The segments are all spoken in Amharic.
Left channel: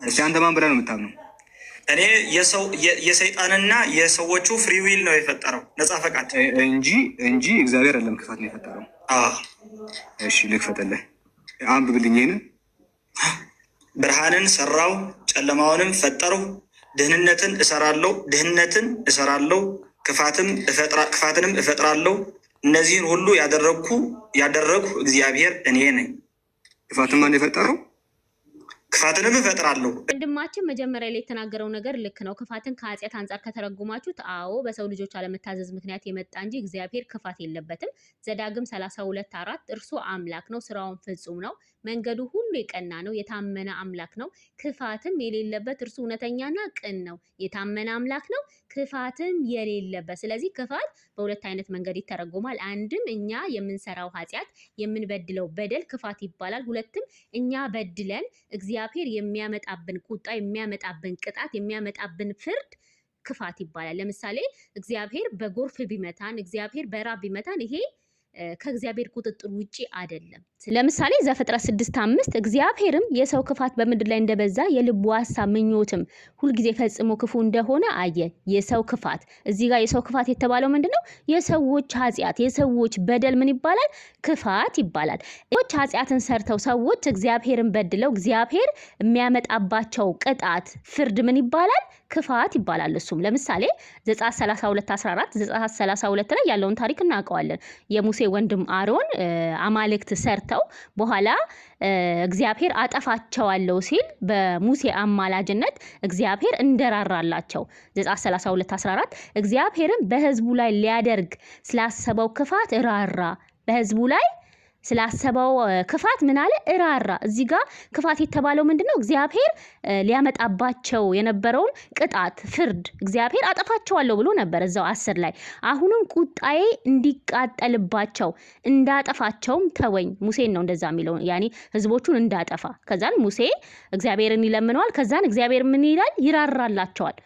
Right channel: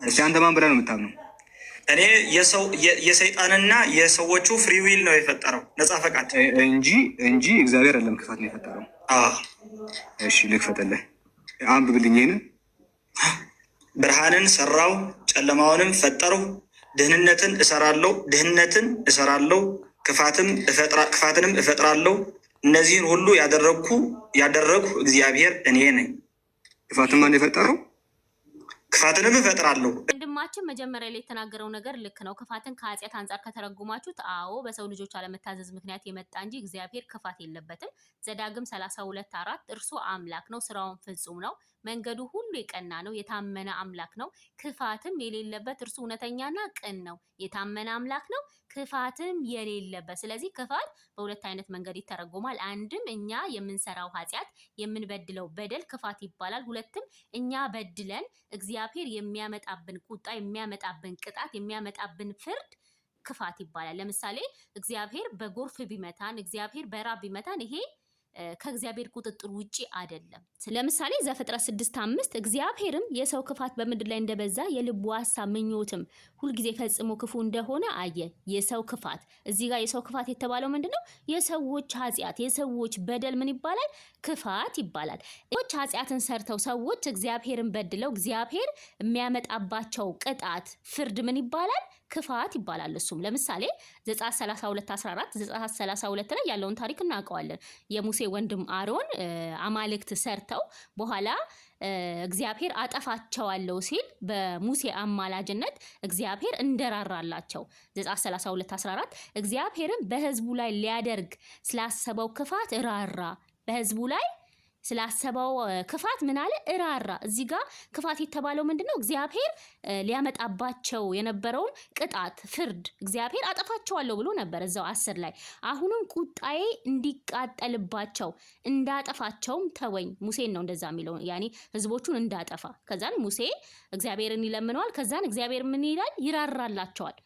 እሺ አንተ ማን ብለህ ነው የምታምነው? እኔ የሰይጣንና የሰዎቹ ፍሪ ዊል ነው የፈጠረው ነፃ ፈቃድ እንጂ እግዚአብሔር አይደለም ክፋት ነው የፈጠረው። እሺ ልክፈትልህ፣ አንብብልኝ። ይሄንን ብርሃንን ሰራው ጨለማውንም ፈጠረው፣ ድህነትን እሰራለሁ ክፋትንም እፈጥራለሁ። እነዚህን ሁሉ ያደረግኩ እግዚአብሔር እኔ ነኝ። ክፋትን ማን የፈጠረው? ክፋትንም እፈጥራለሁ። ወንድማችን መጀመሪያ ላይ የተናገረው ነገር ልክ ነው። ክፋትን ከኃጢአት አንጻር ከተረጉማችሁት፣ አዎ በሰው ልጆች አለመታዘዝ ምክንያት የመጣ እንጂ እግዚአብሔር ክፋት የለበትም። ዘዳግም 32:4 እርሱ አምላክ ነው፣ ስራውን ፍጹም ነው፣ መንገዱ ሁሉ የቀና ነው፣ የታመነ አምላክ ነው፣ ክፋትም የሌለበት እርሱ እውነተኛና ቅን ነው። የታመነ አምላክ ነው፣ ክፋትም የሌለበት። ስለዚህ ክፋት በሁለት አይነት መንገድ ይተረጎማል። አንድም እኛ የምንሰራው ኃጢአት የምንበድለው በደል ክፋት ይባላል። ሁለትም እኛ በድለን እግዚአብሔር የሚያመጣብን ቁጣ፣ የሚያመጣብን ቅጣት፣ የሚያመጣብን ፍርድ ክፋት ይባላል። ለምሳሌ እግዚአብሔር በጎርፍ ቢመታን፣ እግዚአብሔር በራብ ቢመታን ይሄ ከእግዚአብሔር ቁጥጥር ውጪ አይደለም። ለምሳሌ ዘፍጥረት 6:5 እግዚአብሔርም የሰው ክፋት በምድር ላይ እንደበዛ የልቡ ሐሳብ ምኞትም ሁልጊዜ ፈጽሞ ክፉ እንደሆነ አየ። የሰው ክፋት እዚህ ጋር የሰው ክፋት የተባለው ምንድነው? የሰዎች ኃጢአት፣ የሰዎች በደል ምን ይባላል? ክፋት ይባላል። ሰዎች ኃጢአትን ሰርተው ሰዎች እግዚአብሔርን በድለው እግዚአብሔር የሚያመጣባቸው ቅጣት፣ ፍርድ ምን ይባላል? ክፋት ይባላል። እሱም ለምሳሌ ዘጸአት 32:14 ዘጸአት 32 ላይ ያለውን ታሪክ እናውቀዋለን። የሙሴ ወንድም አሮን አማልክት ሰርተው በኋላ እግዚአብሔር አጠፋቸዋለሁ ሲል በሙሴ አማላጅነት እግዚአብሔር እንደራራላቸው ዘጸአት 32:14 እግዚአብሔርን በሕዝቡ ላይ ሊያደርግ ስላሰበው ክፋት ራራ። በሕዝቡ ላይ ስላሰበው ክፋት ምን አለ? እራራ። እዚህ ጋር ክፋት የተባለው ምንድነው? እግዚአብሔር ሊያመጣባቸው የነበረውን ቅጣት፣ ፍርድ እግዚአብሔር አጠፋቸዋለሁ ብሎ ነበር እዛው 10 ላይ። አሁንም ቁጣዬ እንዲቃጠልባቸው እንዳጠፋቸውም ተወኝ። ሙሴን ነው እንደዛ የሚለው፣ ያኔ ህዝቦቹን እንዳጠፋ። ከዛን ሙሴ እግዚአብሔርን ይለምነዋል። ከዛን እግዚአብሔር ምን ይላል? ይራራላቸዋል።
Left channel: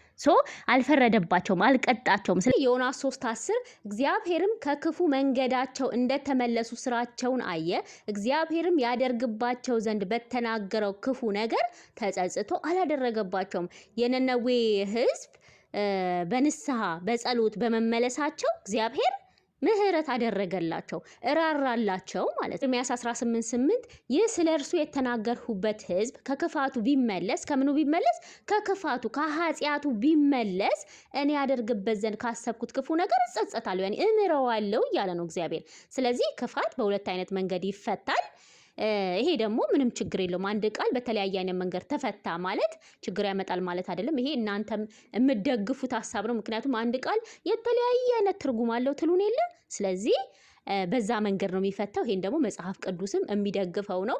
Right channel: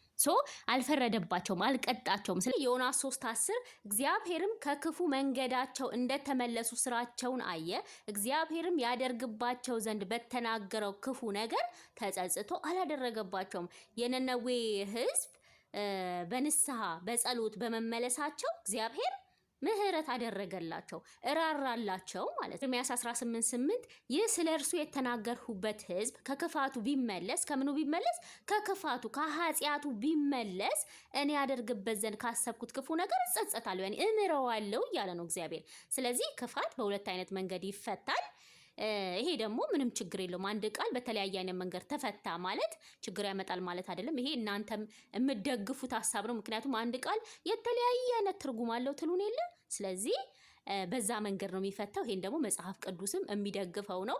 አልፈረደባቸውም፣ አልቀጣቸውም። ዮናስ 3:10 እግዚአብሔርም ከክፉ መንገዳቸው እንደተመለሱ ስራቸውን አየ። እግዚአብሔርም ያደርግባቸው ዘንድ በተናገረው ክፉ ነገር ተጸጽቶ አላደረገባቸውም። የነነዌ ህዝብ በንስሐ በጸሎት በመመለሳቸው እግዚአብሔር ምህረት አደረገላቸው፣ እራራላቸው ማለት ነው። ኤርምያስ 18:8 ይህ ስለ እርሱ የተናገርሁበት ህዝብ ከክፋቱ ቢመለስ፣ ከምኑ ቢመለስ? ከክፋቱ ከኃጢአቱ ቢመለስ እኔ ያደርግበት ዘንድ ካሰብኩት ክፉ ነገር እጸጸታለሁ፣ ያኔ እምረዋለሁ እያለ ነው እግዚአብሔር። ስለዚህ ክፋት በሁለት አይነት መንገድ ይፈታል። ይሄ ደግሞ ምንም ችግር የለውም። አንድ ቃል በተለያየ አይነት መንገድ ተፈታ ማለት ችግር ያመጣል ማለት አይደለም። ይሄ እናንተም የምትደግፉት ሐሳብ ነው። ምክንያቱም አንድ ቃል የተለያየ አይነት ትርጉም አለው ትሉን የለ። ስለዚህ በዛ መንገድ ነው የሚፈታው። ይሄን ደግሞ መጽሐፍ ቅዱስም የሚደግፈው ነው።